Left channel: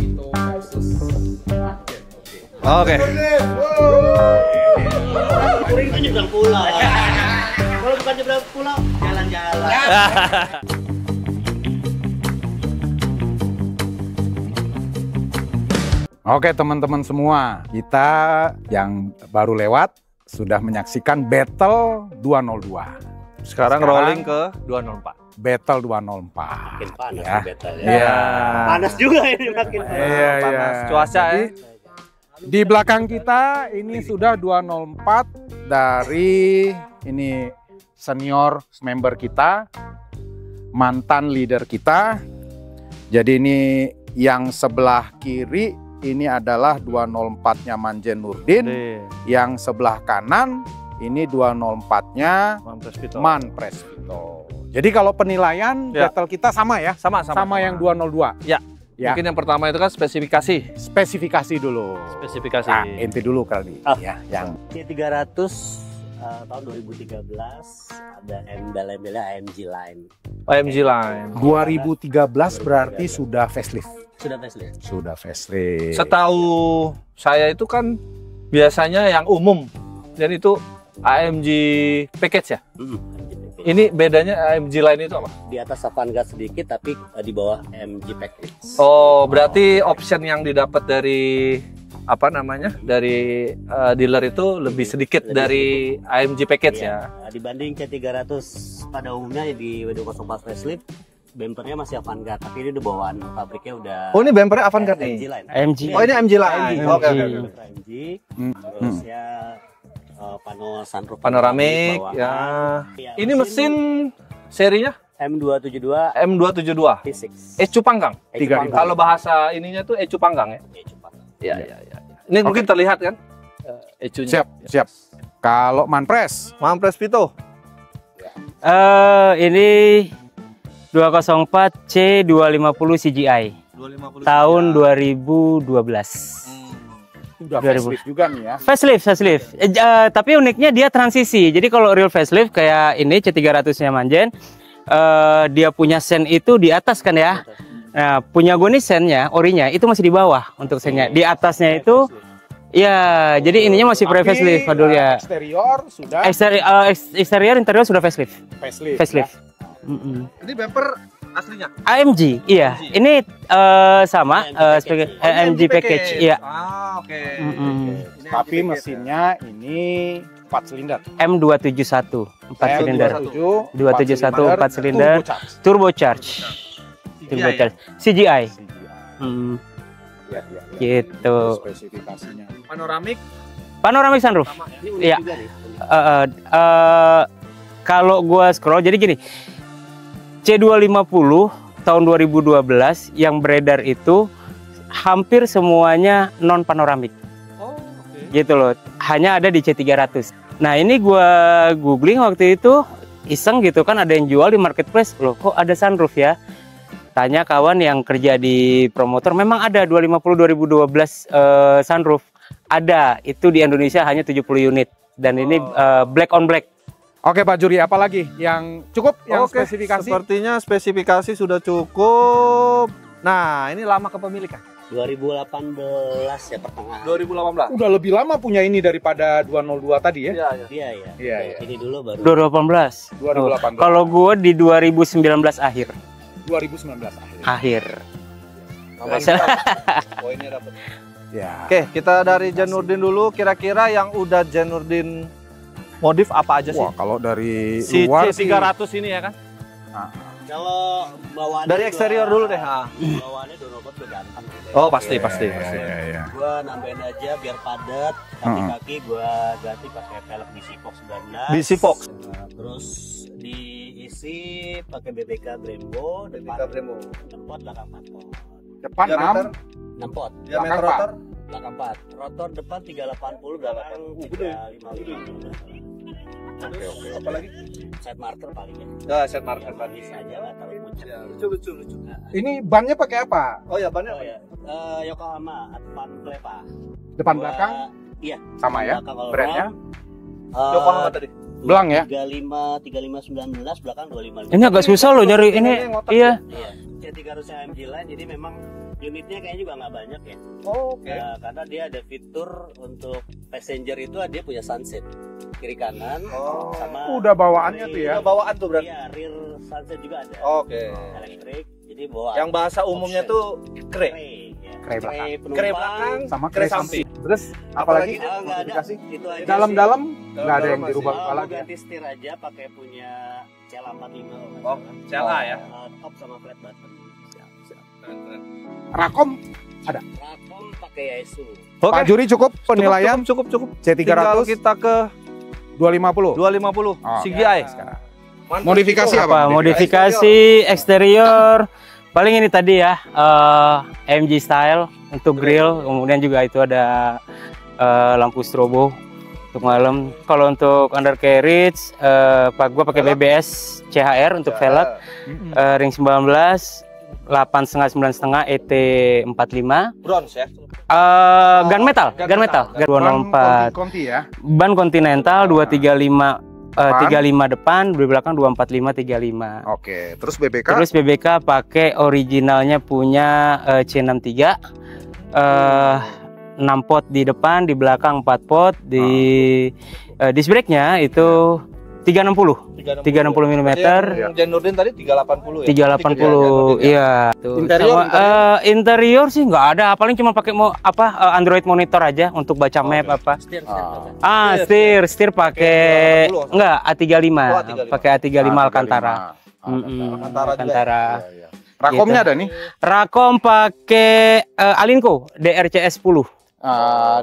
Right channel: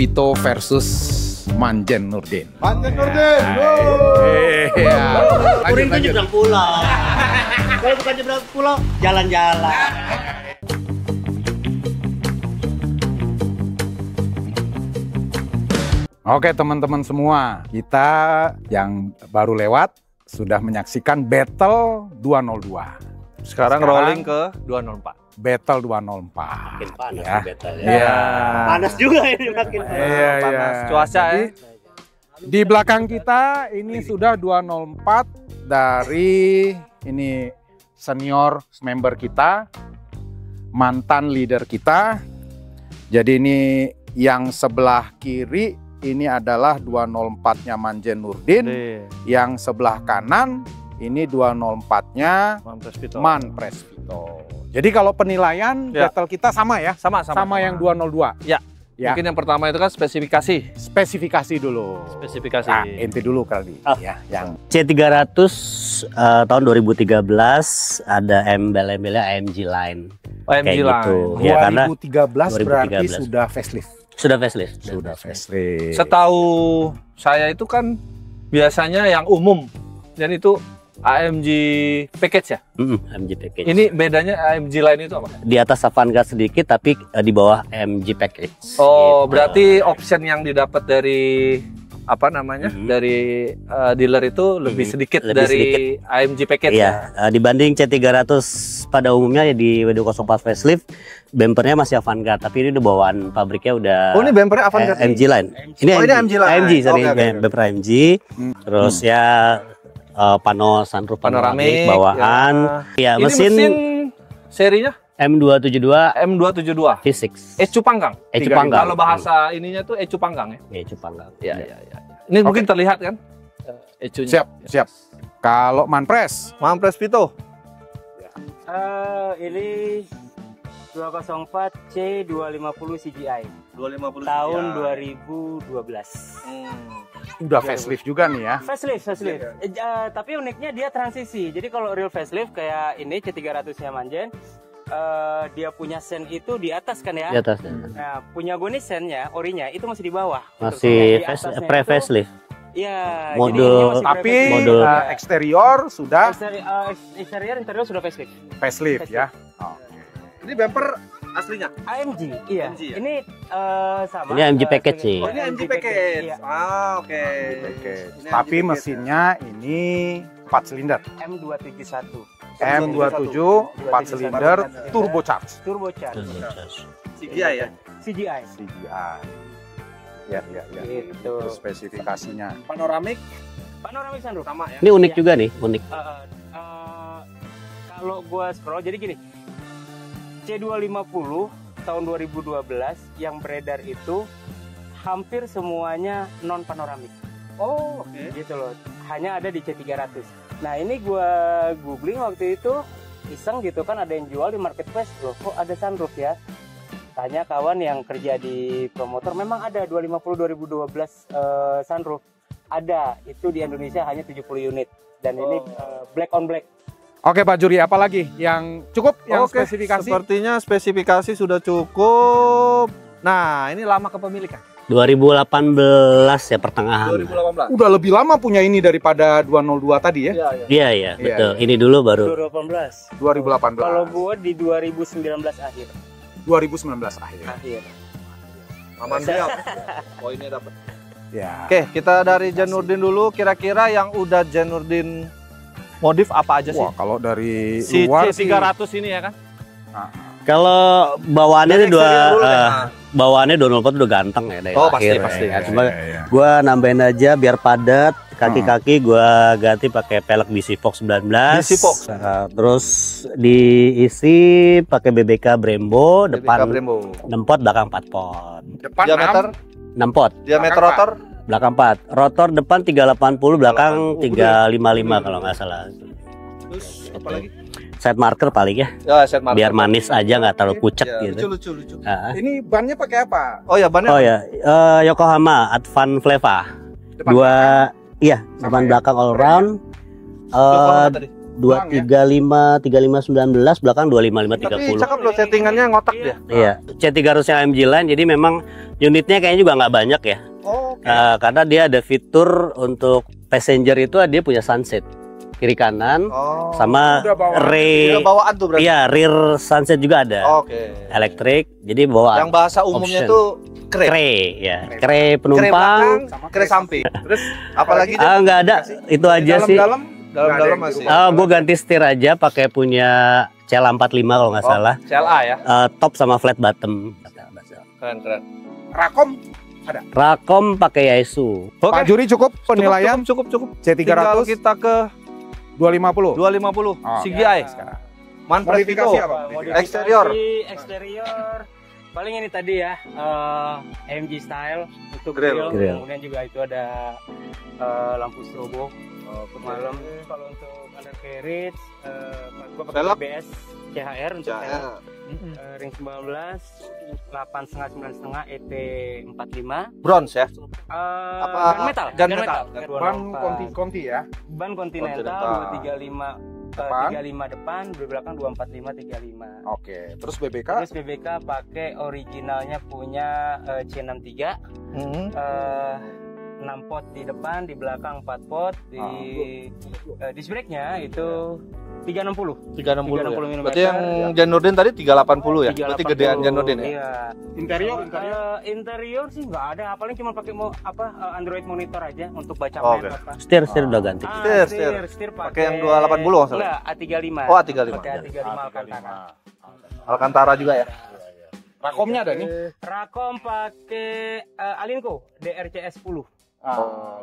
Vito versus Manjen Nurdin. Oke. Lanjut nyebrang pulau. Kalau bukan nyebrang pulau, jalan-jalan. Oke teman-teman semua, kita yang baru lewat sudah menyaksikan Battle 202. Sekarang rolling ke 204. Battle 204. Makin panas ya. battle ya. Iya. Panas juga ini makin panas. Iya, Panas iya. cuaca ya. Di belakang kita ini sudah 204 dari ini senior member kita, mantan leader kita. Jadi ini yang sebelah kiri ini adalah 204-nya Manjen Nurdin, yang sebelah kanan ini 204-nya Man Presvito. Jadi kalau penilaian Ya. battle kita sama ya? Sama Yang 202. Ya. Ya. Mungkin yang pertama itu kan spesifikasi. Spesifikasi dulu. Spesifikasi. Nah, inti dulu kali. Oh. Ya, yang C300 tahun 2013 ada embel-embelnya AMG Line. OMG Kayak Line. gitu. Ya, karena 2013 berarti 2013. sudah facelift. Sudah facelift. Sudah facelift. Setahu saya itu kan biasanya yang umum dan itu AMG package ya. AMG package. Ini bedanya AMG Line itu apa? Di atas Avantgarde sedikit tapi di bawah AMG package. Oh, Gitu. berarti option yang didapat dari apa namanya? Dari dealer itu lebih sedikit Lebih dari AMG package ya. Iya, dibanding C300 pada umumnya ya di W204 facelift, bumpernya masih Avantgarde, tapi ini udah bawaan pabriknya udah. Oh, ini bumpernya Avantgarde AMG Line. Oh, ini AMG Line. AMG, sorry, Oke. bumper AMG. Terus ya pano sunroof Panoramik bawaan. Ya, ini mesin serinya M272 M272. V6. Ecu panggang. Ecu panggang. Kalau bahasa ininya tuh ecu panggang ya. Ya, Jepang. Iya. Ini mungkin terlihat kan ecunya. Siap. Kalau Manpres, Mampres Vito. Ini 204 C250 CGI 250 tahun 2012. udah facelift juga nih ya. Facelift. Tapi uniknya dia transisi. Jadi kalau real facelift kayak ini C300-nya Manjen, dia punya sen itu di atas kan ya. Di atas. Nah, punya gue nih sennya, orinya itu masih di bawah untuk sennya. Di atasnya itu, facelift. iya. Modul. Jadi ininya masih Tapi pre-facelift. modul. Ya. eksterior sudah Exterior, interior sudah facelift. facelift. Facelift. Ya. Ini bumper aslinya. AMG, iya. Ini sama. Ini AMG package sebagai- sih. AMG package, iya. Oke. Tapi mesinnya ini 4 silinder. M271 4 silinder. M271 4 silinder. Turbocharged. Turbocharge. CGI. CGI. Hmm, Ya. gitu. Spesifikasinya. Panoramik Panoramic sunroof. sama ya. Ini unik Iya. juga nih, unik. Kalau gua scroll jadi gini. C250 tahun 2012 yang beredar itu hampir semuanya non panoramik. Oh, oke. Gitu loh. Hanya ada di C300. Nah, ini gua googling waktu itu iseng gitu kan, ada yang jual di marketplace. Loh, kok ada sunroof ya? Tanya kawan yang kerja di promotor, memang ada 250 2012 sunroof. Ada, itu di Indonesia hanya 70 unit dan ini black on black. Oke Pak Juri, apalagi yang cukup yang Oke, spesifikasi? sepertinya spesifikasi sudah cukup. Nah, ini lama kepemilikan. 2018 ya pertengahan. 2018. Udah lebih lama punya ini daripada 202 tadi ya? Iya, betul. Ini dulu baru. 2018. 2018. Kalau gua di 2019 akhir. 2019 akhir. Akhir. Poinnya dapat. Ya. Oke, kita dari Janurdin dulu. Kira-kira yang udah Janurdin modif apa aja sih? Wah, kalau dari Si luar sih, C300 ini ya kan? Kalau bawaannya Dari ini eksterior dulu deh. bawaannya 204 udah ganteng ya dari Oh, akhir. pasti. Cuma gua nambahin aja biar padat, kaki-kaki gua ganti pakai pelek BC Fox 19. BC Fox. Terus diisi pakai BBK Brembo, depan Brembo. 6 pot, belakang 4 pot. depan Diameter, 6 pot, diameter rotor. belakang 4. Rotor depan 380, belakang 355 kalau nggak salah. Terus apa lagi? Side marker paling ya, Ya, set marker. biar manis aja nggak terlalu pucet Ya, gitu. lucu. Ah. Ini bannya pakai apa? Oh ya, bannya. Oh ya, Yokohama Advan Fleva. Depan Dua, belakang? iya, Sama depan ya? belakang all Brand-nya? round. Yokohama tadi. Belang ya? 35 19, belakang 255. Ini agak susah loh nyari ini. Settingannya ngotak Iya. Iya, C300 AMG Line, jadi memang Unitnya kayaknya juga nggak banyak ya. Oh, oke. Karena dia ada fitur untuk passenger itu dia punya sunset kiri kanan Oh, sama udah bawaan. rear. Udah bawaan tuh berarti. Iya, rear sunset juga ada. Oke. Elektrik. Jadi bawaan. Yang bahasa umumnya Option. itu kre. Kre ya. Kre Kre Kre penumpang. belakang, sama kre samping. Terus Apalagi Nggak ada. Itu aja sih. dalam-dalam dalam masih. Gue ganti setir aja pakai punya CLA 45 kalau nggak salah. CLA ya. Top sama flat bottom. Keren. Rakom. Rakom pakai Yaesu. Pak Juri cukup penilaian Cukup. C300 Tinggal kita ke 250. 250 Oh, CGI. Modifikasi apa? Modifikasi eksterior. Paling ini tadi ya, AMG style untuk grill. Grill. Kemudian juga itu ada lampu strobo untuk malam. Kalau untuk undercarriage, gua pakai Velg? BBS CHR untuk velg. Ring 19, 8,5 9,5 ET45. Bronze ya. Gunmetal, Gunmetal. 204. Conti ya. Ban Continental 235 35 depan, di belakang 245 35. Oke, terus BBK. Terus BBK pakai originalnya punya C63. 6 pot di depan, di belakang 4 pot, di disc brake-nya itu 360 mm. Jan Nurdin tadi 380 ya. 380, iya. Interior? Interior sih nggak ada, paling cuma pakai Android monitor aja untuk baca map oke. apa. Setir udah ganti. Setir pakai 280 enggak A35. Oh, A35. Pakai A35 Alcantara. Alcantara juga. Alcantara. Rakomnya Gitu. ada nih. Rakom pakai Alinco DRCS 10.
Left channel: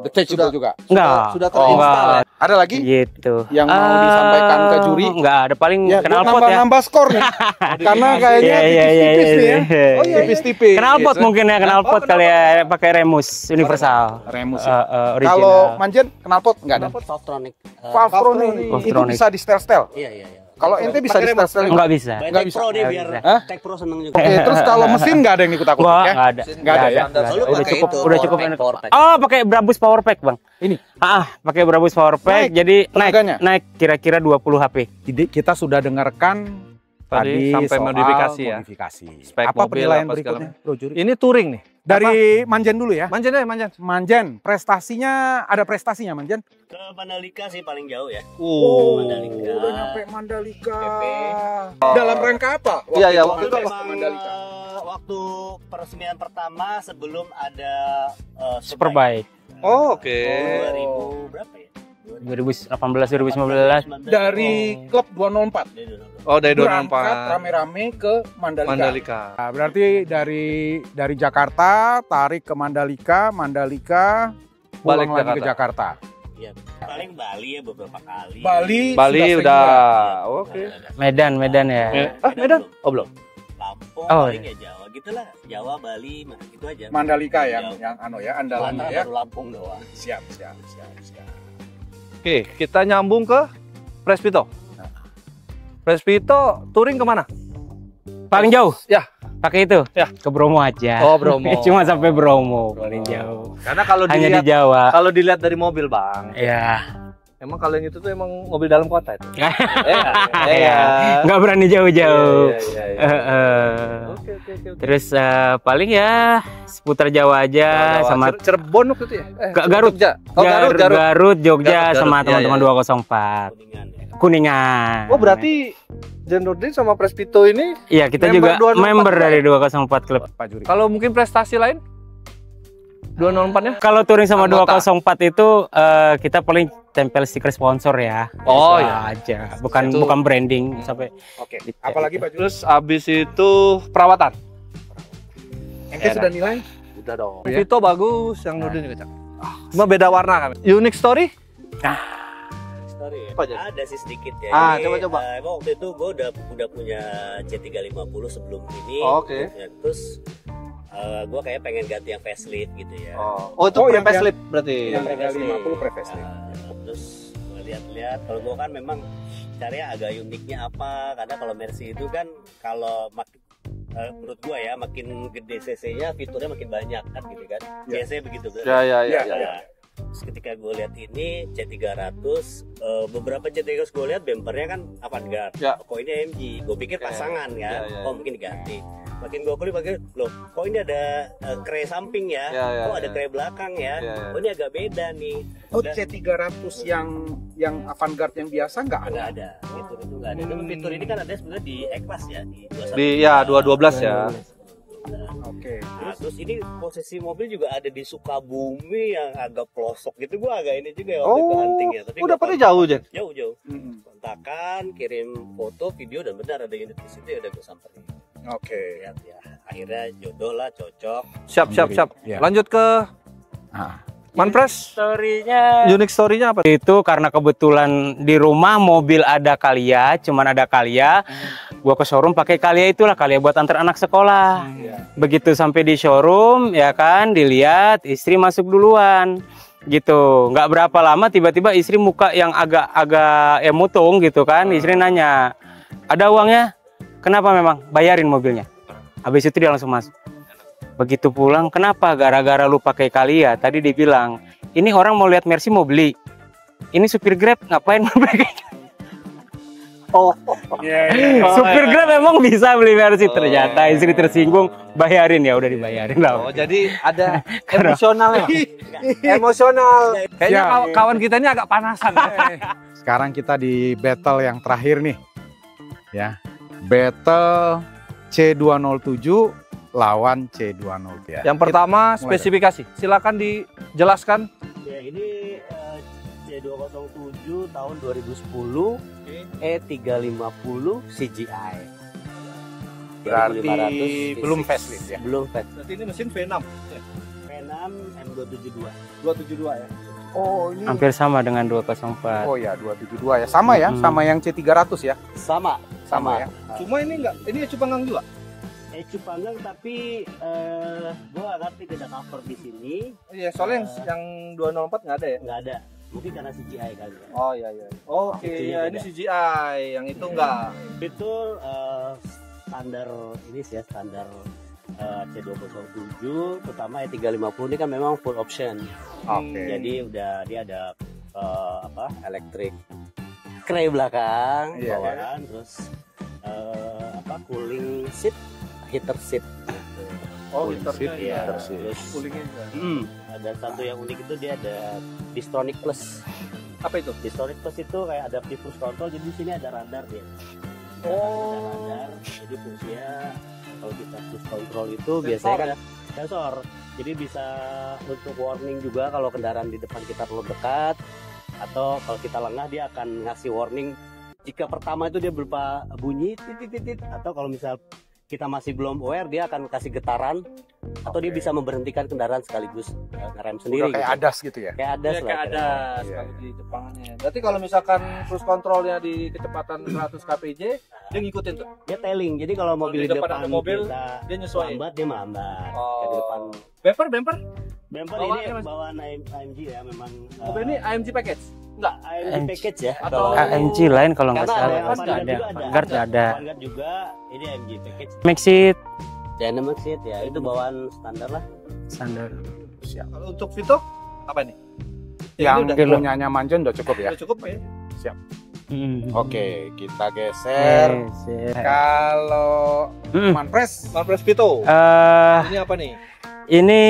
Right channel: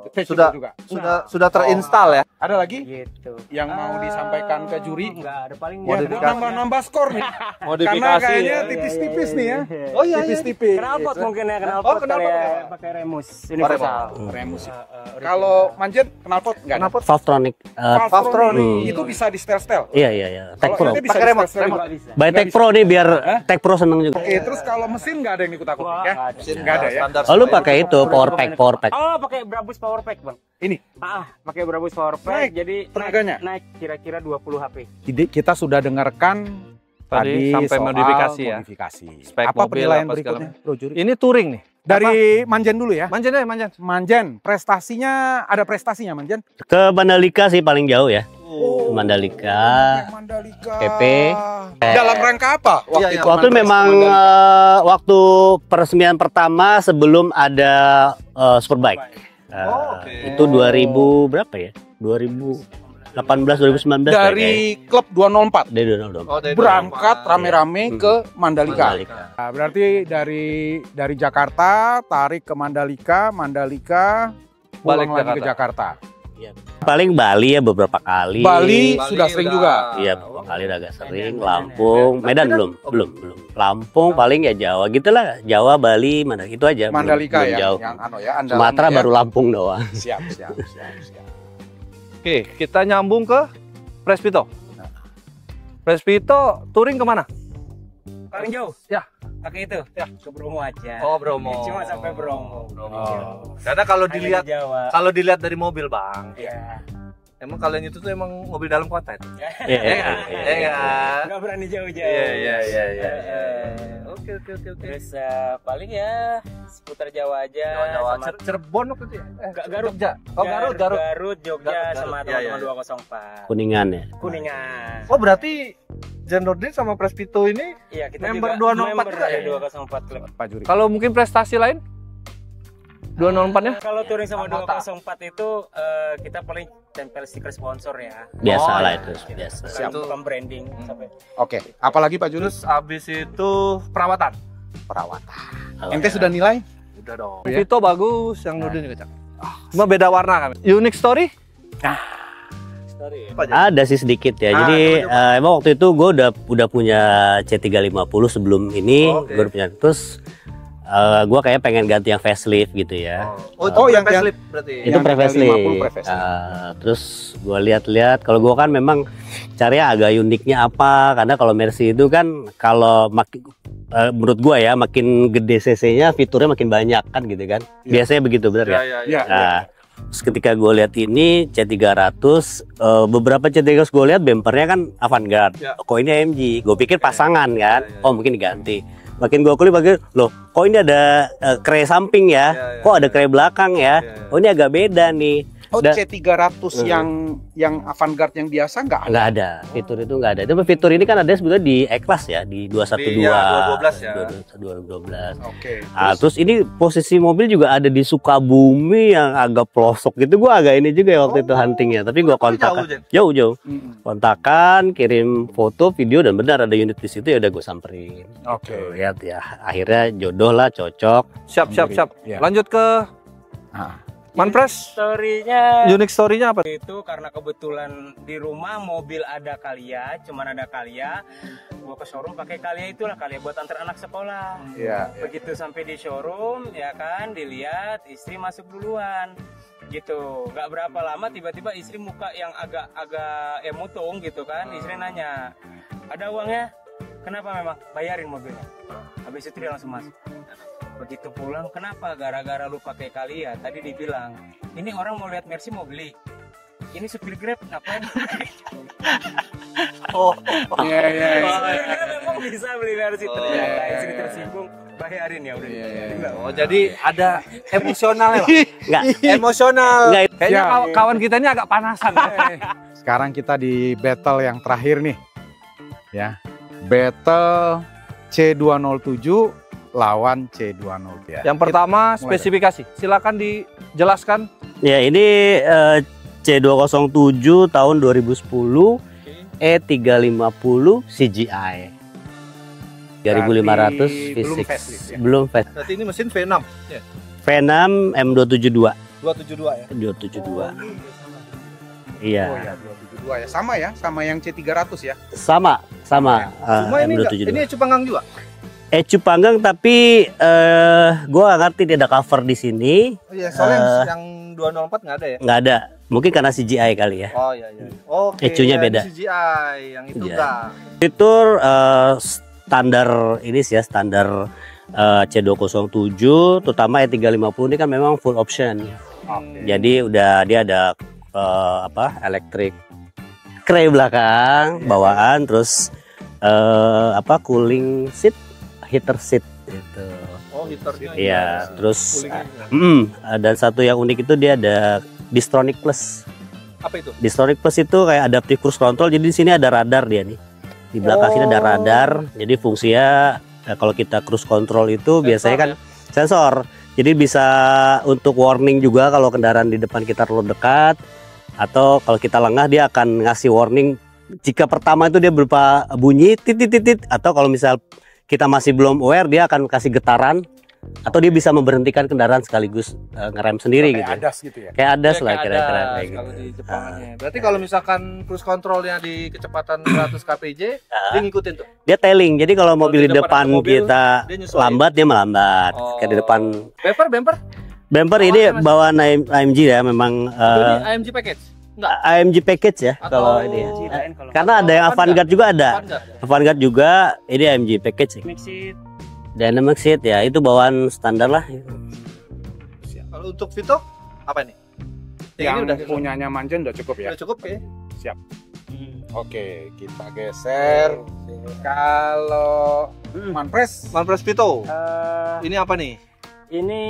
Detachable juga. Enggak. Sudah terinstall ya. Ada lagi Gitu. yang mau disampaikan ke juri? Enggak ada, paling Ya, knalpot ya. nambah skor nih. Karena kayaknya tipis-tipis nih ya. Oh, Tipis-tipis. Knalpot mungkin ya, knalpot kali ya, pakai Remus universal. Remus. Original. Kalau Manjen knalpot enggak nih? Valvetronic. Valvetronic. Itu Valvetronic. bisa di setel-setel. Iya. Kalau Tech Pro. ente bisa Pakai di remote. setel-setel. Enggak bisa. By Tech Pro nih biar Tech Pro seneng juga. Oke, terus kalau mesin nggak ada yang ikut-akutin Wah, ya? enggak ada. Nggak ada ya? Oh, lu pakai Udah itu cukup, power pack. Oh, pakai Brabus Power Pack, Bang. Ini? Pakai Brabus Power Pack, Naik jadi tenaganya? naik kira-kira 20 HP. Jadi kita sudah dengarkan Tadi sampai soal modifikasi ya. modifikasi. Spek Apa mobil, penilaian apa segala berikutnya, Bro Juri? Ini touring nih. Dari Manjen dulu ya. Manjen deh, Manjen. Manjen, prestasinya ada prestasinya Manjen? Ke Mandalika sih paling jauh ya. Mandalika. Mandalika. PP. Dalam rangka apa? Iya, Waktu memang waktu peresmian pertama sebelum ada Superbike. Superbike. Oke. Itu 2000 berapa ya? 2018 2019 Dari klub 204. Dari 2020. Oh, dari Berangkat 2004. rame-rame ke Mandalika. Mandalika. Nah, berarti dari Jakarta tarik ke Mandalika, pulang Balik lagi ke Jakarta. Paling Bali ya beberapa kali. Bali Bali sudah sering udah. juga. Iya, Oh, Bali udah agak sering. Medan ya. Lampung. Medan Medan? belum. Belum. Lampung Oh. paling ya Jawa gitulah. Jawa, Bali, mana itu aja. Belum- Mandalika belum ya, jauh. yang andalan Sumatera ya. baru Lampung doang. Siap. Oke, kita nyambung ke Prespito. Prespito touring kemana? Paling jauh? Ya. Pakai itu? Ya. Ke Bromo aja. Oh, Bromo. Cuma sampai Bromo, paling jauh. Karena kalau Hanya dilihat di Jawa. kalau dilihat dari mobil, Bang. Ya. Emang kalian itu tuh emang mobil dalam kota itu. Iya. Nggak berani jauh-jauh. Iya. Oke. Terus paling ya seputar Jawa aja sama Cirebon waktu itu ya? Garut. Jogja. Oh, Garut. Garut, Jogja Garut. sama Iya, teman-teman iya. 204. Kuningan ya. Kuningan. Oh, berarti Jan Nurdin sama Prespito ini Iya, kita member juga 204 member juga dari ya? 204 klub. Pak Juri. Kalau mungkin prestasi lain? 204-nya? Kalau touring sama Anggota. 204 itu kita paling tempel stiker sponsor ya. Biasa Oh, lah. iya. Aja. Biasa. Itu- Bukan branding sampai Oke. Apalagi Pak Juri? Terus abis itu perawatan. Ente sudah nilai? Udah dong. Ya. Vito bagus, yang Nurdin juga cakep. Cuma beda warna kan. Unique story? Ada sih sedikit ya. Ah, Jadi coba. emang waktu itu gue udah punya C350 sebelum ini. Oh, oke. Gue udah punya. Terus gue kayak pengen ganti yang facelift gitu ya. Oh, itu Oh, yang facelift berarti. Itu yang pre-facelift. 50 pre-facelift. Terus gue lihat-lihat. Kalau gue kan memang caranya agak uniknya apa? Karena kalau Mercy itu kan kalau menurut gue ya makin gede cc-nya fiturnya makin banyak kan gitu kan. Biasanya begitu benar ya. Iya. Nah, terus ketika gue lihat ini C300, beberapa C300 gue lihat bempernya kan Avantgarde. Ya. Kok ini AMG? Gue pikir pasangan kan. Ya. Oh mungkin diganti. Makin gue kulik makin, loh kok ini ada kre samping ya, kok ada kre belakang ya, oh ini agak beda nih. Oh, C300 yang Avantgarde yang biasa nggak ada? Nggak ada, fitur itu nggak ada. Itu fitur ini kan ada sebetulnya di E-Class ya, di 212. Iya, 212 ya. 212. Oke. Nah, terus ini posisi mobil juga ada di Sukabumi yang agak pelosok gitu. Gua agak ini juga ya waktu itu huntingnya, tapi gua kontak. Jauh. Kontakan, kirim foto, video dan benar ada unit di situ, ya udah gue samperin. Oke. Lihat ya, akhirnya jodoh lah, cocok. Siap. Ya. Lanjut ke Manpres. Story-nya Unique story-nya apa? itu karena kebetulan di rumah mobil ada Calya, cuman ada Calya. Gua ke showroom pakai Calya, itulah Calya buat antar anak sekolah. Iya. Begitu sampai di showroom ya kan, dilihat istri masuk duluan gitu. Nggak berapa lama tiba-tiba istri muka yang agak emutung gitu kan. Istri nanya, ada uangnya? Kenapa? Memang bayarin mobilnya. Habis itu dia langsung masuk. Begitu pulang, kenapa? Gara-gara lu pakai Calya. Tadi dibilang, ini orang mau lihat Mercy mau beli. Ini supir Grab ngapain mau pakai? Supir Grab memang bisa beli Mercy. Ternyata istri tersinggung, bayarin, ya udah dibayarin lah. Oh, jadi ada emosional. Nggak, Emosional. Kayaknya Ya. kawan kita ini agak panasan. Sekarang kita di battle yang terakhir nih. Ya. Battle C207 lawan C203. Ya. Yang pertama Mulai spesifikasi. Silakan dijelaskan. ya ini C207 tahun 2010 E350 CGI 3500 belum V6. facelift ya? Belum facelift. Berarti ini mesin V6 ya? V6 M272 272 ya? 272 Hampir sama dengan 204. Iya. Oh ya, 272 ya. Sama ya, sama yang C300 ya. sama Cuma ini enggak, M272 ini Cupanggang juga? Ecu panggang, tapi gua nggak ngerti dia ada cover di sini. Iya, soalnya yang 204 nggak ada ya? Nggak ada, mungkin karena CGI kali ya. Oh iya. Oke. Ecunya beda. CGI, yang itu Iya. enggak. Fitur standar ini sih ya, standar C207, terutama E350 ini kan memang full option. Oke. Jadi udah dia ada elektrik kre belakang bawaan, terus cooling seat, heater seat gitu. Oh, heaternya. Iya, terus Cooling. dan satu yang unik itu dia ada Distronic Plus. Apa itu? Distronic Plus itu kayak adaptive cruise control. Jadi di sini ada radar dia nih. Di belakang sini ada radar. Jadi fungsinya kalau kita cruise control itu biasanya kan sensor. Jadi bisa untuk warning juga kalau kendaraan di depan kita terlalu dekat, atau kalau kita lengah dia akan ngasih warning. Jika pertama itu dia berupa bunyi titit, atau kalau misal kita masih belum aware dia akan kasih getaran, atau dia bisa memberhentikan kendaraan sekaligus ngerem sendiri Kayak gitu. adas gitu ya. Kayak adas Ya, lah kayak kira-kira ada kayak gitu. kalau di Jepangannya. Berarti kalau misalkan cruise controlnya di kecepatan 100 kpj, dia ngikutin tuh. Dia tailing. Jadi kalau mobil di depan ada mobil, kita dia nyesuaiin. lambat, dia melambat. Oh. Kayak di depan Bumper? bumper ini bawaan AMG ya, memang Ini AMG package? Enggak. AMG package ya. Atau Kalau AMG lain kalau nggak karena ada yang salah. Avantgarde juga ada. Avantgarde ada. Avantgarde juga, ini AMG package. Maxit Dynamic seat ya, itu bawaan standar lah. standar. Kalau untuk Vito apa nih? Yang Ini udah punyanya Manjon udah cukup ya. cukup ya? Oke, kita geser. Geser. Kalau Manpres Manpres Vito. Eh, Ini apa nih? ini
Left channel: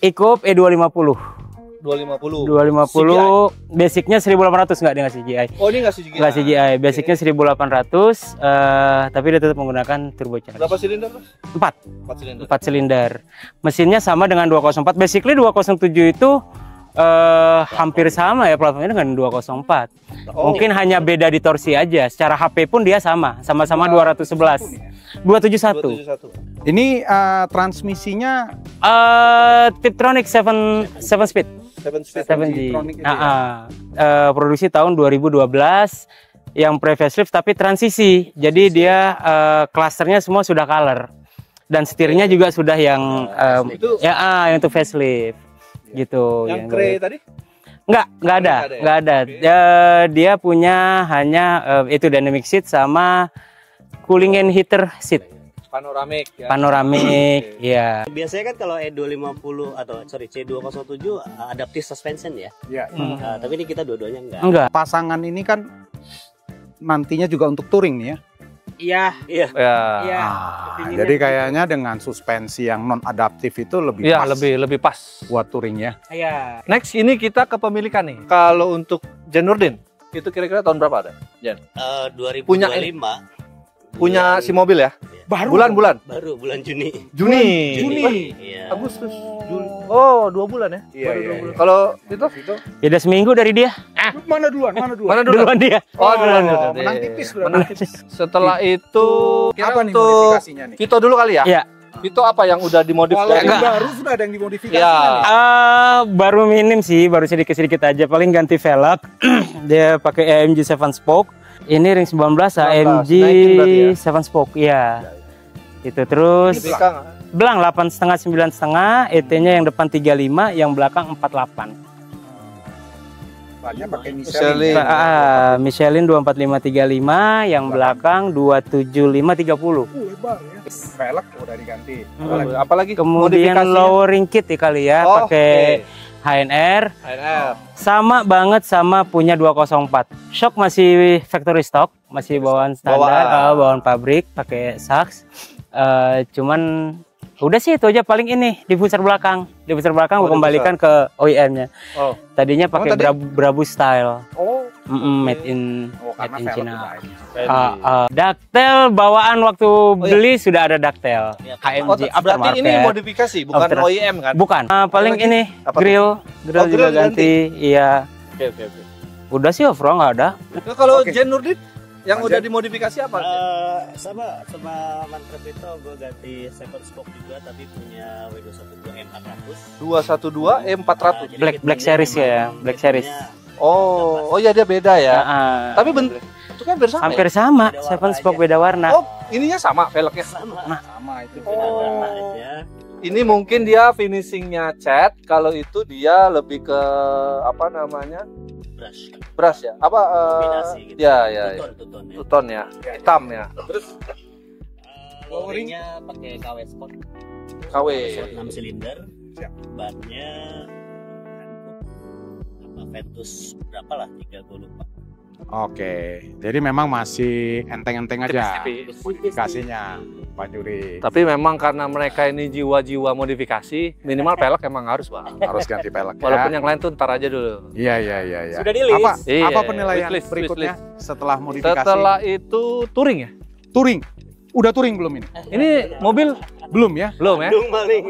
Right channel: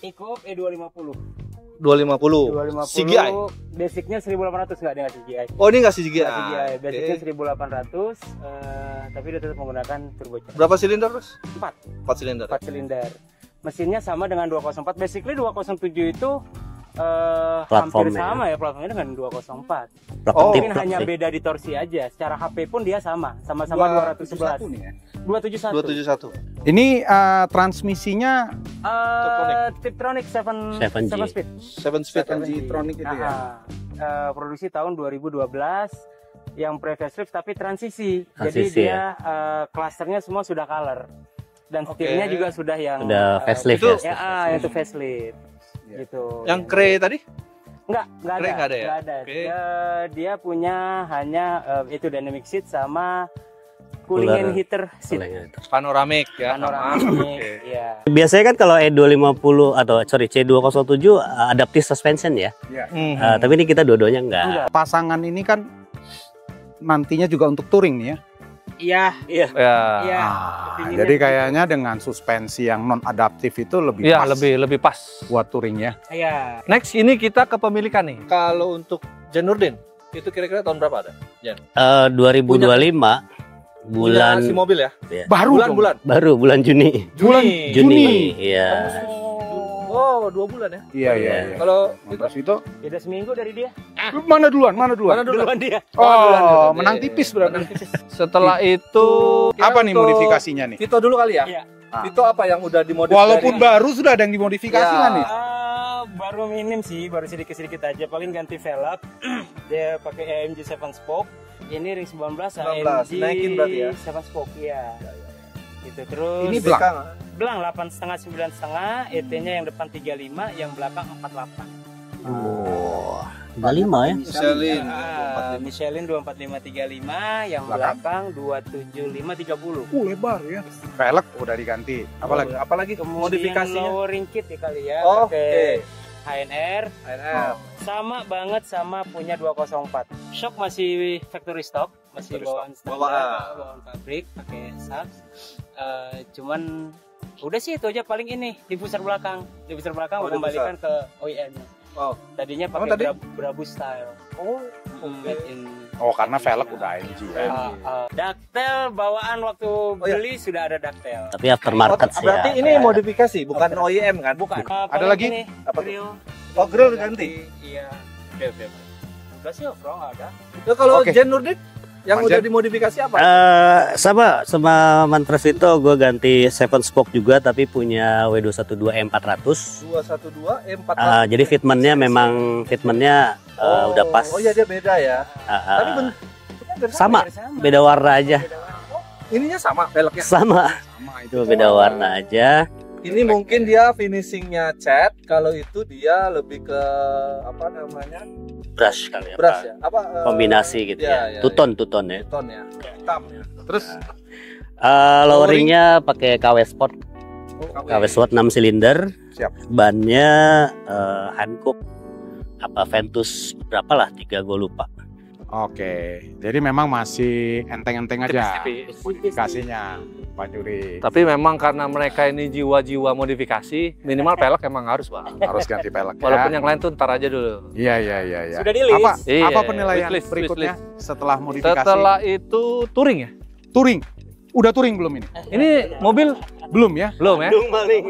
Ikup E250. 250. 250 basicnya 1800, nggak dia nggak CGI. Oh, ini nggak CGI. Nggak CGI, basicnya 1800, tapi dia tetap menggunakan turbocharger. Berapa silinder, Terus? 4 silinder. 4 silinder. Mesinnya sama dengan 204. Basically 207 itu hampir sama ya platformnya dengan 204. Oh, Mungkin hanya beda di torsi aja. Secara HP pun dia sama-sama 211. 271. 271. ini transmisinya Tiptronic 7 speed. 7 speed. 7G. Tiptronic itu ya? Produksi tahun 2012 yang pre-facelift tapi transisi. Jadi Transisi, dia klasternya semua sudah color. Dan setirnya juga sudah yang Udah facelift itu- ya. yang itu facelift. Gitu. Yang kre tadi? Nggak ada, Nggak ada ya? nggak ada. Oke. Dia punya hanya itu dynamic seat sama cooling and heater seat, Panoramik ya. panoramik, Oke. ya. Biasanya kan kalau E250 atau C207 adaptive suspension ya. ya, Tapi ini kita dua-duanya enggak. Enggak. pasangan ini kan nantinya juga untuk touring nih ya. Iya. Ya. Iya. Ah, jadi kayaknya dengan suspensi yang non adaptif itu lebih Iya, pas lebih pas. buat touring ya. Iya. Next ini kita kepemilikan nih. Kalau untuk Jen Nurdin, itu kira-kira tahun berapa ada? Jen? 2025 Punya si mobil ya? Iya. Bulan-bulan. Baru bulan Juni. Juni. Iya. Agustus. Oh, 2 bulan ya? Iya. Kalau itu Beda seminggu dari dia. Mana duluan? Mana duluan? Duluan dia. Oh, menang tipis berarti. Setelah itu Apa nih modifikasinya nih? Vito dulu kali ya? Iya. Vito apa yang udah dimodifikasi? Walaupun baru sudah ada yang dimodifikasi Ya. kan nih? Baru minim sih, baru sedikit-sedikit aja. Paling ganti velg. Dia pakai AMG 7 spoke. Ini ring 19 AMG naikin berarti 7 spoke. Iya. Itu terus Ini belakang. belang 8,5 9,5, ET-nya yang depan 35, yang belakang 48. 25 ya. Michelin. Michelin 24535, yang belakang 27530. Lebar ya. Velg udah diganti. Apalagi? Apalagi Kemudian modifikasinya? lowering kit ya kali ya, Oh, pakai oke. HNR. HNR. Sama banget sama punya 204. Shock masih factory stock, masih bawaan standar, bawaan pabrik, pakai Sachs. Cuman udah sih itu aja paling ini diffuser belakang. Diffuser belakang Oh, gue kembalikan ke OEM-nya. Oh. Tadinya pakai tadi? Brabus style. Oh. Made in Karena made in velg China. udah ini juga. Ductile bawaan waktu beli sudah ada ductile. Tapi aftermarket. Oh, Berarti After. ini modifikasi, bukan After. OEM kan? Bukan. Paling lagi? ini Apa tuh? grill juga grill ganti. Iya. Oke. Udah sih overall nggak ada. Nah, kalau Oke. Jen Nurdin yang Mas udah Jen? dimodifikasi apa? Sama Mantras itu gue ganti 7 spoke juga tapi punya W212 M400. 212 E400. Jadi Black fitmentnya series memang ya, Black fitmentnya udah pas. Oh iya dia beda ya. Nah, Tapi bentuknya bersama. hampir sama. Beda warna Seven spoke aja. beda warna. Oh, ininya sama velgnya. Sama. Sama itu. Itu beda warna aja. Ini mungkin dia finishingnya cat, kalau itu dia lebih ke apa namanya? Brush kali ya. Brush ya. Apa Kombinasi gitu ya, ya. ya, Tuton ya. Tuton ya, hitam ya. Terus Loweringnya pakai KW Sport. KW. KW Sport 6 silinder. Siap. Bannya Hankook apa Ventus berapa lah 3 gue lupa. Oke, jadi memang masih enteng-enteng aja Tipis-tipis. modifikasinya, Pak Juri. Tapi memang karena mereka ini jiwa-jiwa modifikasi, minimal pelek emang harus, Pak. Harus ganti pelek ya. Walaupun yang lain tuh ntar aja dulu. Iya. Sudah di-list. Apa, Iya, apa penilaian wishlist, berikutnya setelah modifikasi? Setelah itu touring ya? Touring. Udah touring belum ini? Ini mobil Belum ya? belum ya?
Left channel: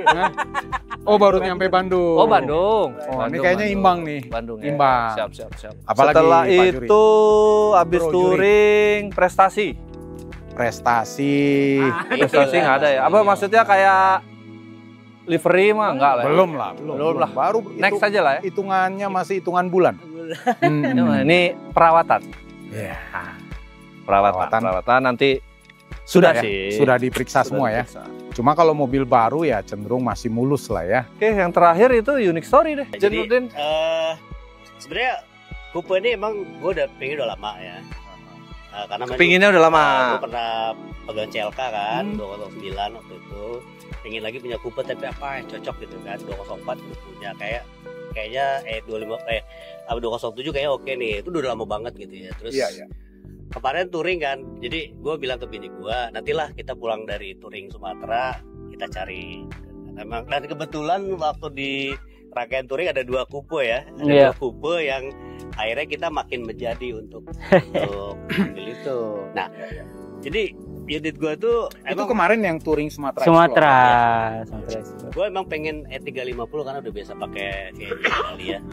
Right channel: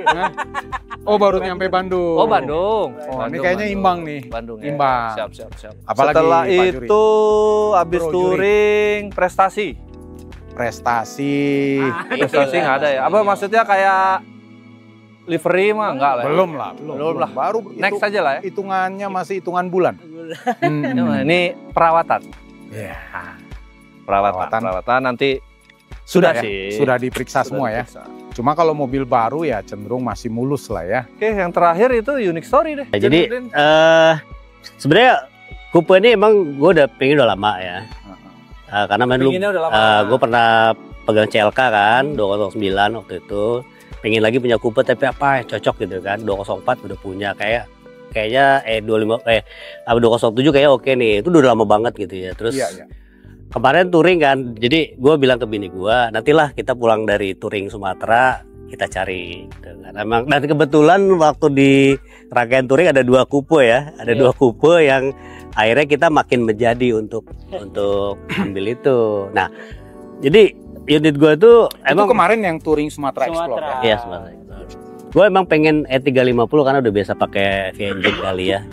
Hah? Oh, baru nyampe Bandung. Oh, Bandung. Oh, ini kayaknya imbang nih. Bandung ya. Imbang. Siap. Apalagi, Setelah Pak Juri? itu habis Bro, Juri. touring prestasi. Prestasi. Prestasi nggak ada ya? Apa maksudnya kayak livery mah enggak lah. Ya? Belum lah. Belum lah. Baru Next aja lah ya. hitungannya masih hitungan bulan. Ini perawatan. Iya. Perawatan nanti Sudah ya? sih. Sudah diperiksa semua ya. diperiksa. Cuma kalau mobil baru ya cenderung masih mulus lah ya. Oke, yang terakhir itu unique story deh. Jadi Nurdin. sebenarnya Coupe ini emang gue udah pengen udah lama ya. Karena memang Pinginnya udah lama. gue pernah pegang CLK kan 209 waktu itu. Pengen lagi punya Coupe tapi apa cocok gitu kan. 204 udah punya kayaknya 207 kayak oke nih. Itu udah lama banget gitu ya. Terus Iya. kemarin touring kan, jadi gue bilang ke bini gue, nantilah kita pulang dari touring Sumatera, kita cari. Gitu kan. Emang, dan kebetulan waktu di rangkaian touring ada 2 coupe ya, ada 2 coupe yang akhirnya kita makin menjadi untuk ambil itu. Nah, jadi unit gue tuh Itu kemarin yang touring Sumatera. Sumatera. Iya, gue emang pengen E350 karena udah biasa pakai V-engine kali ya.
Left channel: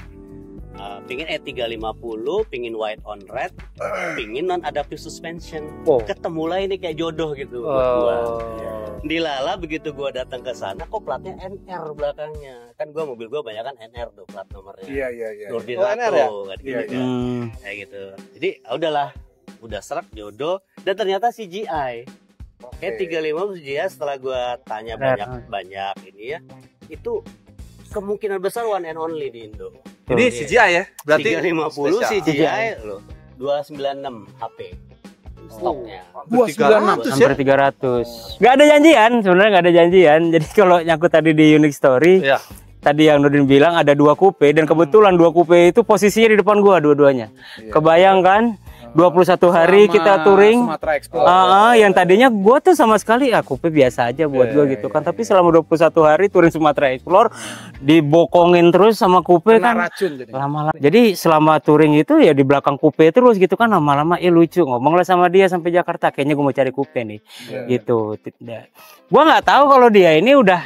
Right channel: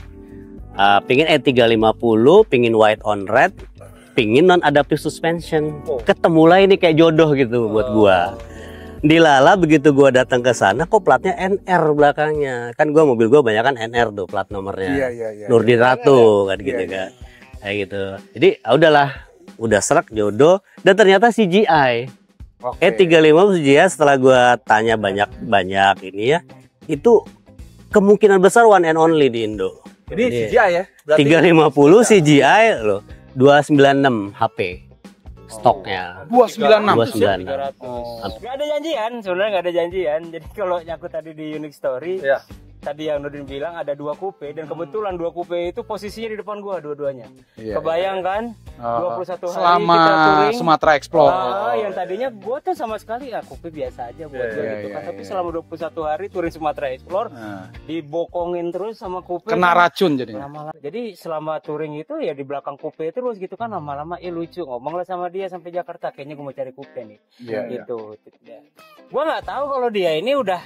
Pingin E350, pingin white on red, pingin non adaptive suspension. Ketemulah ini kayak jodoh gitu buat gua. Dilala begitu gua datang ke sana, kok platnya NR belakangnya. Kan mobil gua banyak kan NR tuh plat nomornya. Iya. Nurdin Ratu kan gitu Iya, kan. Kayak gitu. Jadi udahlah, udah serak jodoh dan ternyata CGI. E350 CGI setelah gua tanya banyak ini ya, itu kemungkinan besar one and only di Indo. Ini CGI ya? Berarti 350 CGI loh, 296 HP stoknya. 296 300. Nggak ada janjian, sebenarnya nggak ada janjian. Jadi kalau nyangkut tadi di Unique Story, Iya. tadi yang Nurdin bilang ada 2 coupe dan kebetulan 2 coupe itu posisinya di depan gua dua-duanya. Iya. Kebayang kan? 21 hari Selama kita touring. Sumatera Explore. Yang tadinya gue tuh sama sekali coupe biasa aja buat gue gitu kan. Tapi selama 21 hari touring Sumatera Explore dibokongin terus sama coupe Kena kan. racun jadi. Lama-lama. Jadi selama touring itu ya di belakang coupe terus gitu kan, lama-lama lucu, ngomong lah sama dia sampai Jakarta, kayaknya gue mau cari coupe nih. Gitu. Gue nggak tahu kalau dia ini udah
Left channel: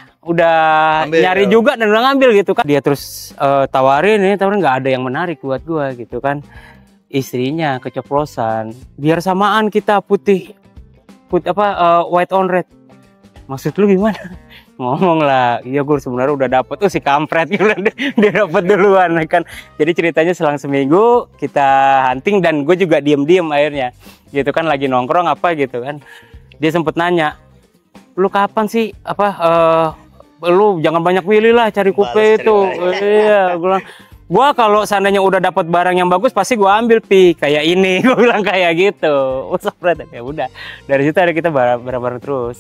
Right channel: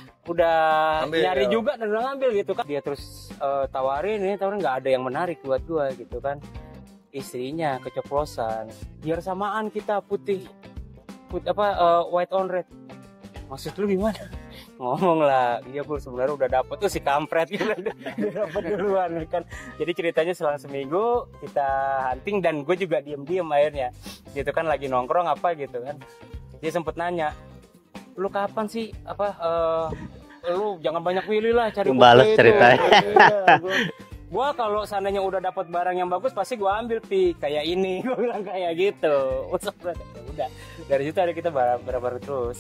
nyari juga dan udah ngambil gitu kan. Dia terus tawarin nggak ada yang menarik buat gue gitu kan. Istrinya keceplosan, biar samaan kita putih white on red. Maksud lu gimana? Ngomong lah, iya gue sebenarnya udah dapet tuh si kampret gitu. Dia dapet duluan kan. Jadi ceritanya selang seminggu kita hunting dan gue juga diem akhirnya gitu kan, lagi nongkrong apa gitu kan. Dia sempet nanya, lu kapan sih lu jangan banyak pilih lah, cari coupe itu. Iya, gue bilang, gua kalau seandainya udah dapat barang yang bagus pasti gua ambil kayak ini. Gua bilang kayak gitu. Ya udah, dari situ ada kita bareng-bareng terus.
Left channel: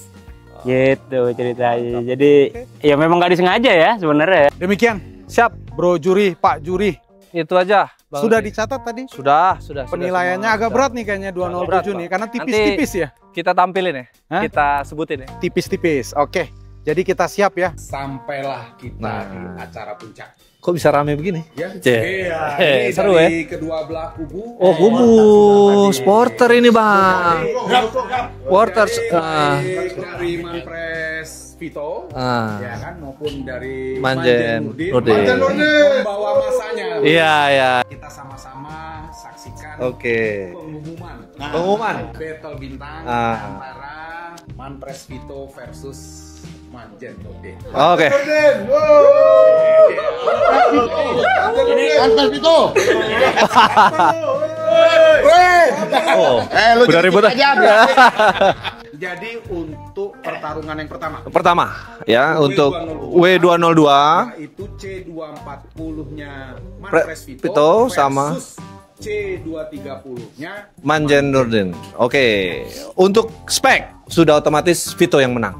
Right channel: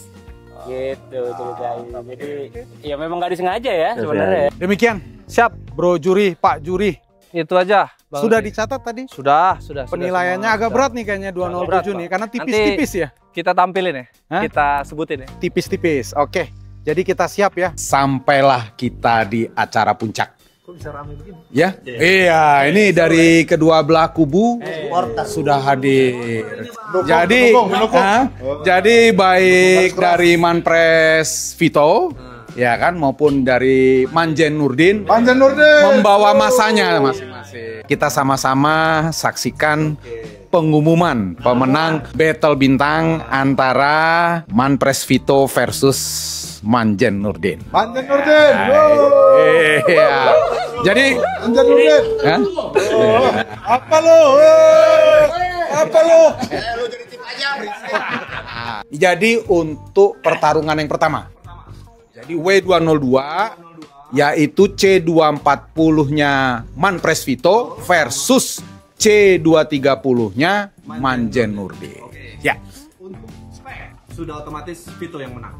Gitu ceritanya. Jadi ya memang nggak disengaja ya sebenarnya. Demikian, siap Bro Juri, Pak Juri. Itu aja. Bang Sudah Pi. dicatat tadi? Sudah. Penilaiannya semua. agak Sudah. berat nih kayaknya 207 Berat, nih, Pak. karena tipis-tipis ya. Kita tampilin ya. Hah? Kita sebutin ya. Tipis-tipis. Oke. Jadi kita siap ya. Sampailah kita di acara puncak. Kok bisa rame begini? Ya. Cek. Iya, ini seru dari kedua belah kubu. Oh, kubu. Sudah hadir. Supporter ini, Bang. Jadi, jadi baik dari Manpres Vito, Ah. ya kan, maupun dari Manjen Nurdin, Nurdin. membawa masanya. Mas. Iya, iya. Kita sama-sama saksikan Oke. pengumuman pemenang Battle Bintang antara Manpres Vito versus Manjen Nurdin. Oke. Iya. Jadi Udah ribut Jadi untuk pertarungan yang pertama, ya W202, untuk W202 yaitu C240-nya Manpres Vito Vito versus C230-nya Manjen Nurdin. Oke. Ya. Untuk spek sudah otomatis Vito yang menang.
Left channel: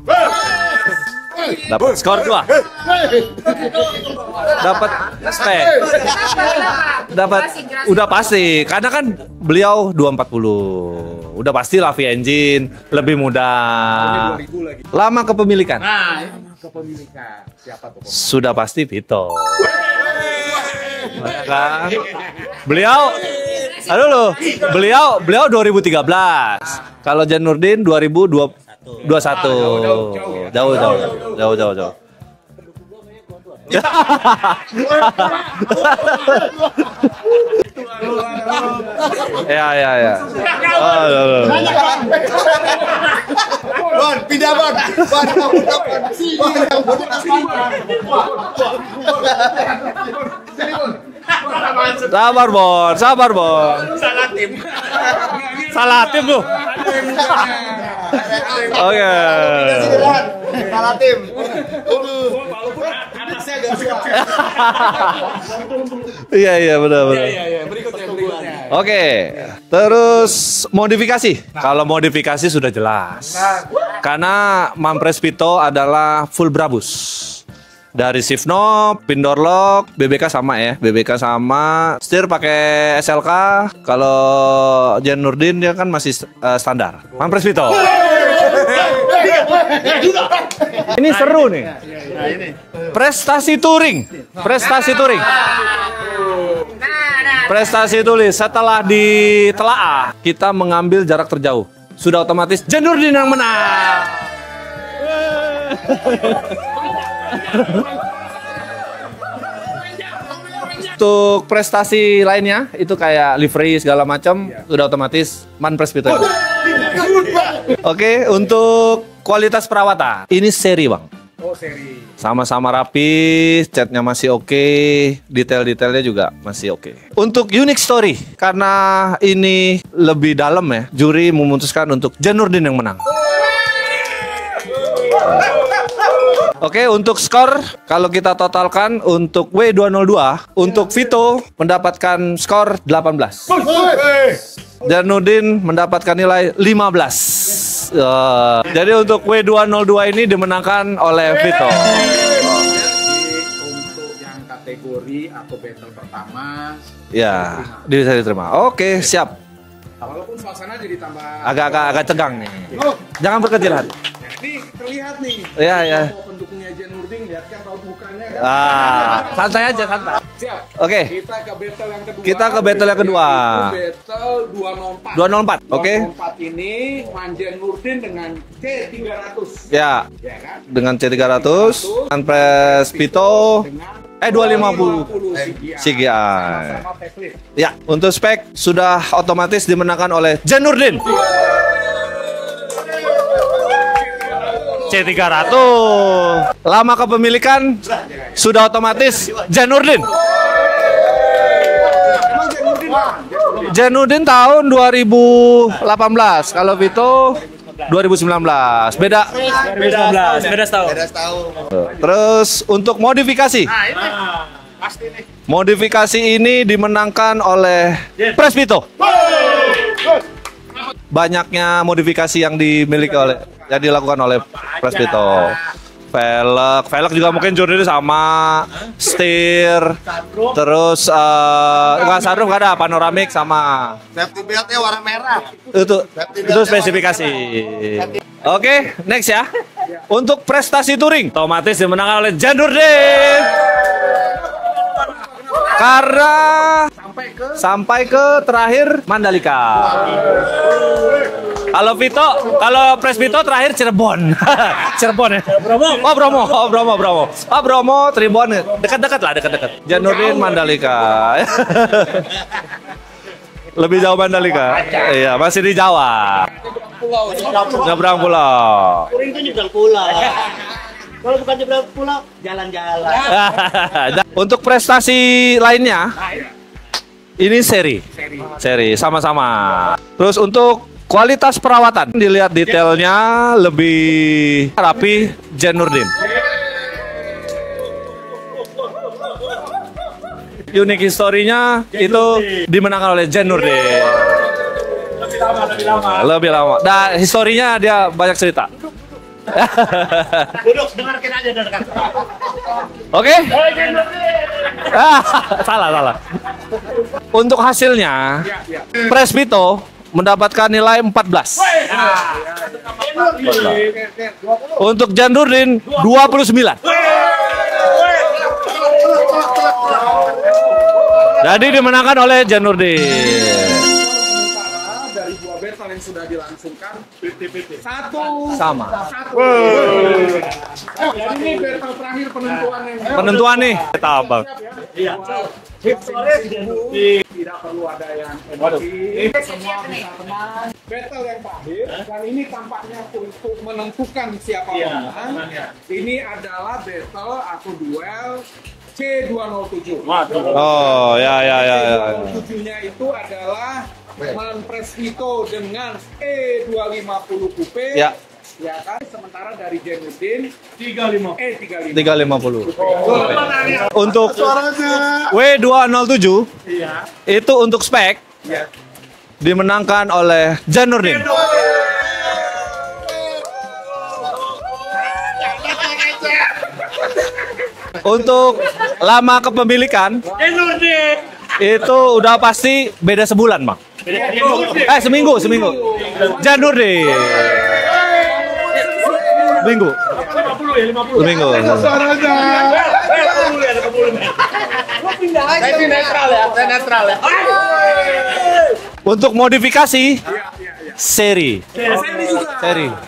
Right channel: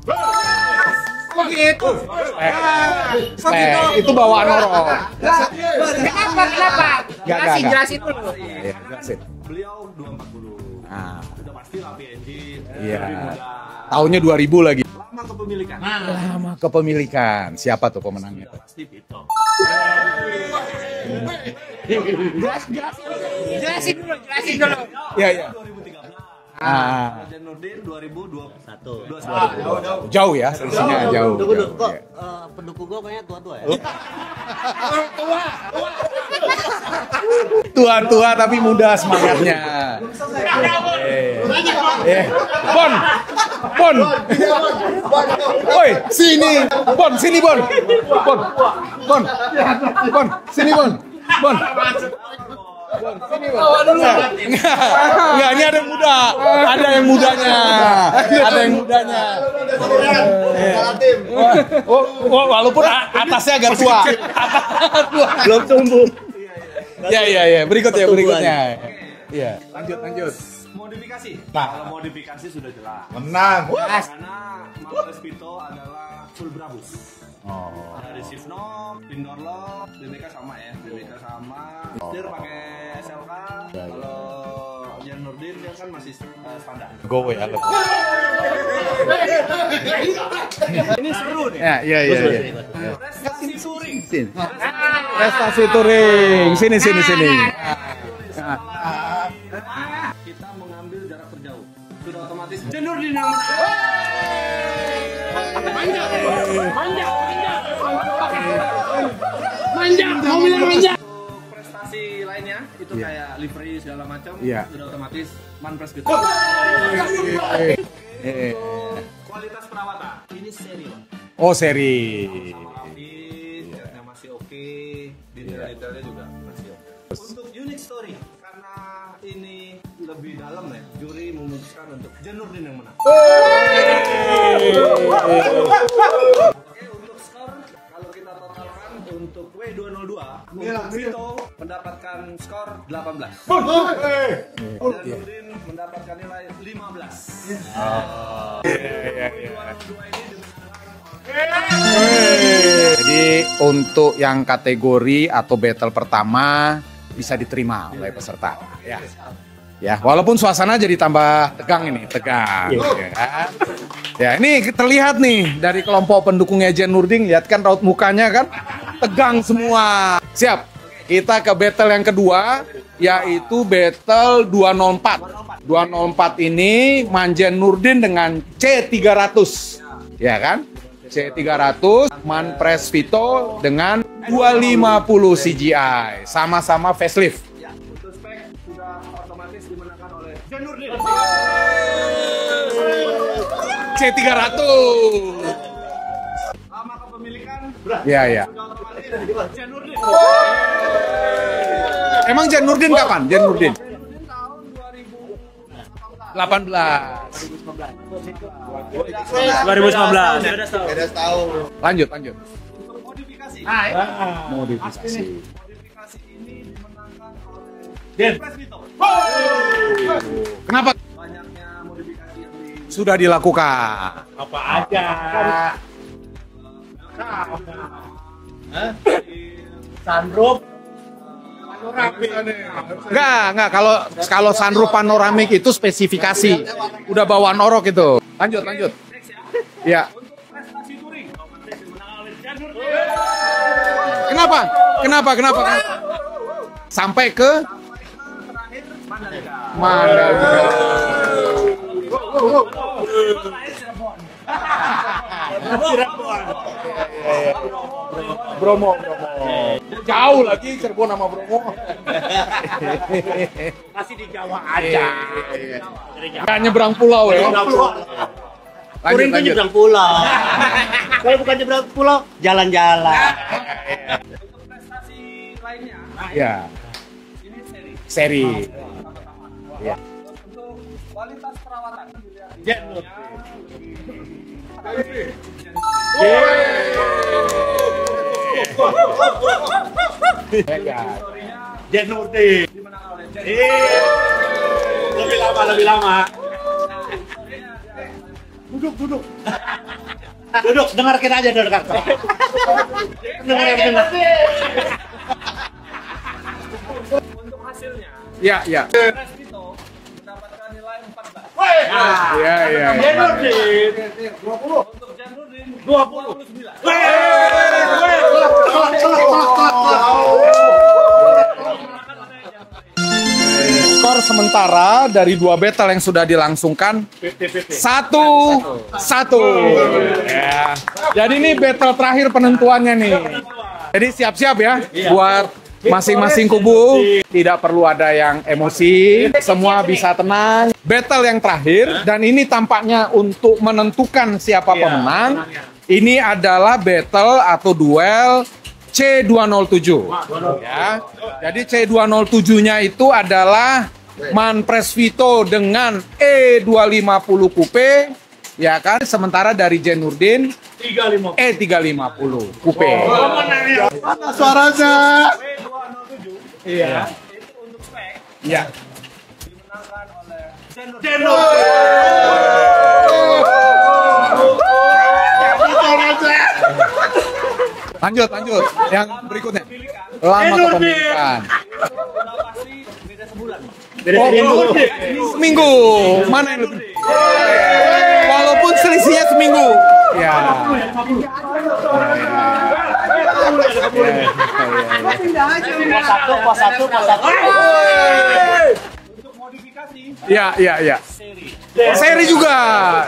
Dapat skor 2. Itu bawaan Dapat spek. Dapat udah pasti karena kan beliau 240. Udah pasti lah V-Engine, lebih mudah. tahunnya 2000 lagi. Lama kepemilikan. Lama kepemilikan. Siapa tuh pemenang? Sudah pasti Vito. Kan? Beliau beliau 2013. Kalau Jan Nurdin 2021. Jauh ya? Jauh. Pendukung gue banyak tua-tua ya. Tua-tua tapi muda semangatnya. Ya. Bon, pindah Bon. Woi, sini. Bon, sini Bon. Bon, sini Bon. Bon. Sabar, Bon. Enggak, ini ada Salah tim tuh. Ada yang mudanya. Ada yang Oke. Salah tim. Walaupun atasnya agak tua. Belum tumbuh. Iya, benar. Iya. Berikutnya. Oke. Terus modifikasi. Kalau modifikasi sudah jelas. Karena Manpres Vito adalah full Brabus. Dari shift knob, pin door lock, BBK sama ya. BBK sama, setir pakai SLK. Kalau Jan Nurdin dia kan masih standar. Manpres Vito. Ini seru nih. Iya. Prestasi touring. Sini. Prestasi touring. Setelah ditelaah, kita mengambil jarak terjauh. Sudah otomatis Jan Nurdin yang menang. Untuk prestasi lainnya itu kayak livery segala macam sudah otomatis Manpres Vito. Oke, untuk kualitas perawatan ini seri Bang. Oh, seri. Sama-sama rapi, catnya masih oke, detail-detailnya juga masih oke. Untuk unique story, karena ini lebih dalam ya, juri memutuskan untuk Jan Nurdin yang menang. Oke, untuk skor kalau kita totalkan untuk W202 untuk Vito mendapatkan skor 18. Dan Nurdin mendapatkan nilai 15. Jadi untuk W202 ini dimenangkan oleh Vito. Jadi untuk yang kategori atau battle pertama bisa diterima. Bisa diterima. Oke, siap. Ya, walaupun suasana jadi tambah Agak tegang. Oke. Jangan berkecil hati. Ya, ini terlihat nih Ya, dari ya. kelompok pendukungnya Jen Nurdin, lihat kan raut mukanya kan tegang santai semua. aja, Siap. Oke. Kita ke battle yang kedua. Kita ke battle yang kedua. Yaitu battle 204. 204. Oke. 204 ini Manjen Nurdin dengan C300. Ya, Ya kan? dengan C300, Manpres Vito Vito dengan 250 250 CGI. CGI. Sama-sama facelift. Ya, untuk spek sudah otomatis dimenangkan oleh Jen Nurdin. C300. C300. Lama kepemilikan Ya, ya. sudah otomatis Jen Nurdin. Emang Jen Nurdin kapan? Jen Nurdin. Jen Nurdin tahun 2018. Kalau Vito 2019. Beda. 2019. Beda setahun. Lanjut. Terus untuk modifikasi. Modifikasi ini dimenangkan oleh Pres Vito. Kenapa? Banyaknya modifikasi yang dimiliki Sudah oleh- dilakukan. sudah dilakukan oleh Pres Vito. Velg juga mungkin Jordi sama setir, terus nggak sunroof nggak ada, panoramik sama. Nah, kalau sunroof panoramik itu spesifikasi. Itu spesifikasi. Sudah bawa norok itu. Lanjut, Oke, lanjut. next ya. Ya. Untuk prestasi touring, otomatis dimenangkan oleh Jen Nurdin. Kenapa? Kenapa? Karena Sampai ke terakhir Mandalika. Kalau Pres Vito terakhir Cirebon. Cirebon ya. Bromo, Tribon. Dekat-dekat lah, dekat-dekat. Jen Nurdin Mandalika. Lebih jauh Mandalika. Iya, masih di Jawa. Nggak nyebrang pulau ya. Nyebrang pulau. Lanjut, lanjut. Nyebrang pulau. Kalau bukan nyebrang pulau, jalan-jalan. Untuk prestasi lainnya, Ya, ini seri. seri. Sama-sama. Terus untuk kualitas perawatan, dilihat detailnya lebih rapi Jen Nurdin. Unik historinya itu dimenangkan oleh Jen Nurdin. Lebih lama. Nah, historinya dia banyak cerita. Duduk, dengarkan aja. Oke? Salah. Untuk hasilnya, Ya. Pres Vito mendapatkan nilai 14. Ya. Untuk Jen Nurdin 29. Jadi dimenangkan oleh Jen Nurdin. Skor sementara dari 2 battle yang sudah dilangsungkan 1-1. Ya. Jadi ini battle terakhir penentuannya nih. Penentuan nih. Jadi siap-siap ya buat masing-masing kubu. Tidak perlu ada yang emosi, semua bisa tenang. Battle yang terakhir dan ini tampaknya untuk menentukan siapa pemenang. Ini adalah battle atau duel C207. Oh, ya. Jadi C207-nya itu adalah Manpres Vito dengan E250 Coupe. Ya. Ya kan, sementara dari Jen Nurdin E350 350. Coupe. Untuk W207 itu untuk spek dimenangkan oleh Jen Nurdin. Untuk Yang lama kepemilikan lama kepemilikan. itu udah pasti beda sebulan, Bang. Seminggu. Mana- Jen Nurdin. Walaupun selisihnya seminggu. Ya. Seminggu. Untuk modifikasi Ya. seri. Seri juga.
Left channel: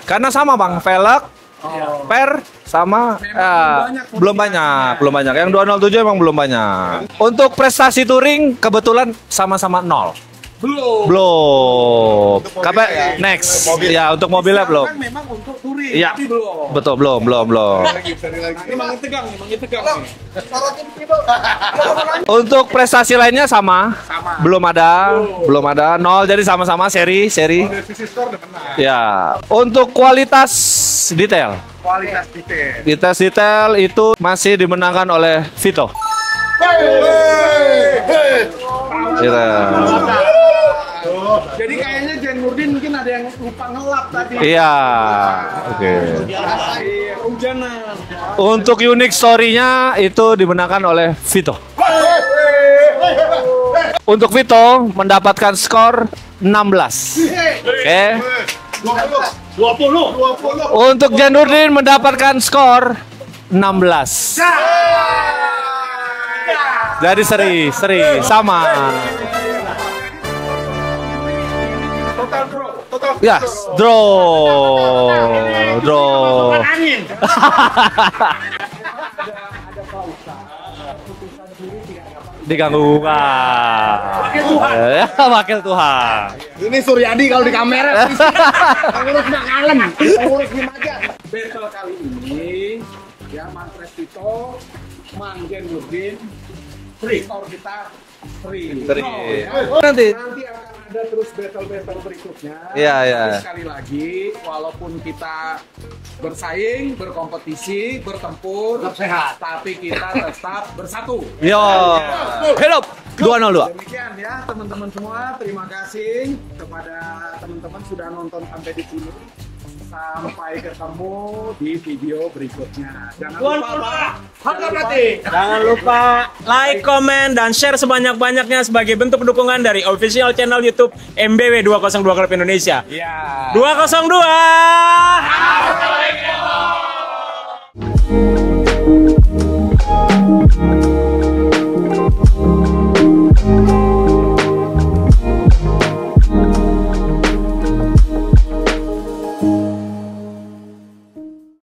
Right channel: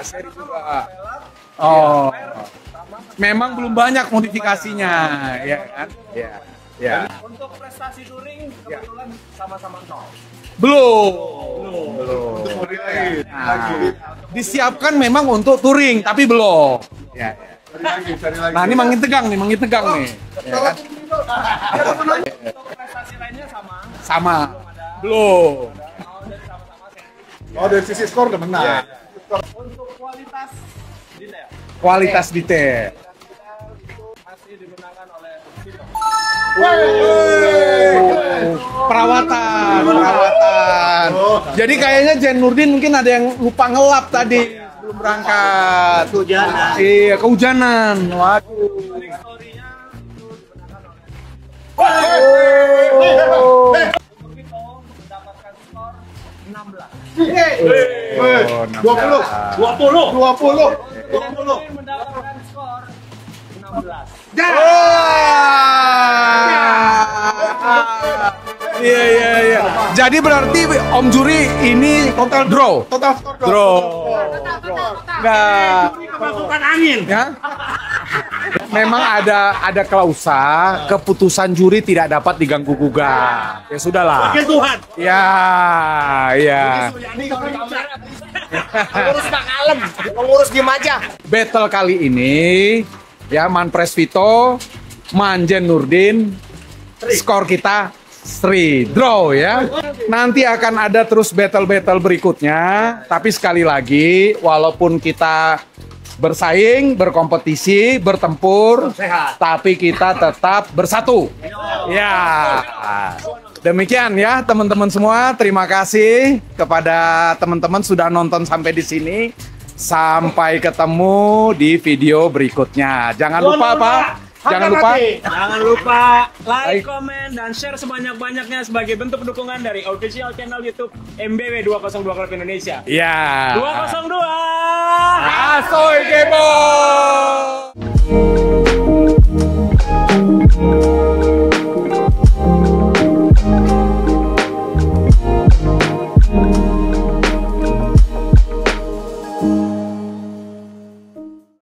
Karena sama, Bang. Velg, Oh. per sama Memang belum banyak modifikasinya. belum banyak. Yang 207 emang belum banyak. Untuk prestasi touring kebetulan sama-sama 0. Belum. Kapan next? Ya, untuk mobilnya belum. Disiapkan memang untuk touring, Iya. tapi belum. Betul, belum. Nah, ini makin tegang nih. Untuk prestasi lainnya sama. Sama. Belum ada. 0, jadi sama-sama seri. Dari sisi skor udah menang. Ya. Untuk kualitas detail. Kualitas detail. Kualitas detail itu masih dimenangkan oleh Vito. Perawatan. Jadi kayaknya Jen Nurdin mungkin ada yang lupa ngelap tadi. Iya. Berangkat. Iya, kehujanan. Untuk unik story-nya itu dimenangkan oleh Vito. Untuk Vito mendapatkan skor 16. Oke. 20. Untuk Janurdin mendapatkan skor 16. Jadi seri sama. Iya. Jadi berarti Om Juri ini total draw. Ya, draw. Ya. Memang ada klausa keputusan juri tidak dapat diganggu. Ya sudahlah. Wakil Tuhan. Ya. Wakil Tuhan. Iya. Ini Suryadi kalau di kamera. Pengurus Makalem, pengurus Gimaja. Battle kali ini ya Manpres Vito, Manjen Nurdin, skor kita Sri draw ya. Nanti akan ada terus battle-battle berikutnya. Ya. Tapi sekali lagi, walaupun kita bersaing, berkompetisi, bertempur, tapi kita tetap bersatu. Yo. Ya. Hidup. 2-0. Demikian ya teman-teman semua. Terima kasih kepada teman-teman sudah nonton sampai di sini. Sampai ketemu di video berikutnya. Jangan lupa Pak. Jangan lupa like, komen, dan share sebanyak-banyaknya sebagai bentuk dukungan dari official channel YouTube MBW 202 Klub Indonesia. Ya. 202. Asoy Depok.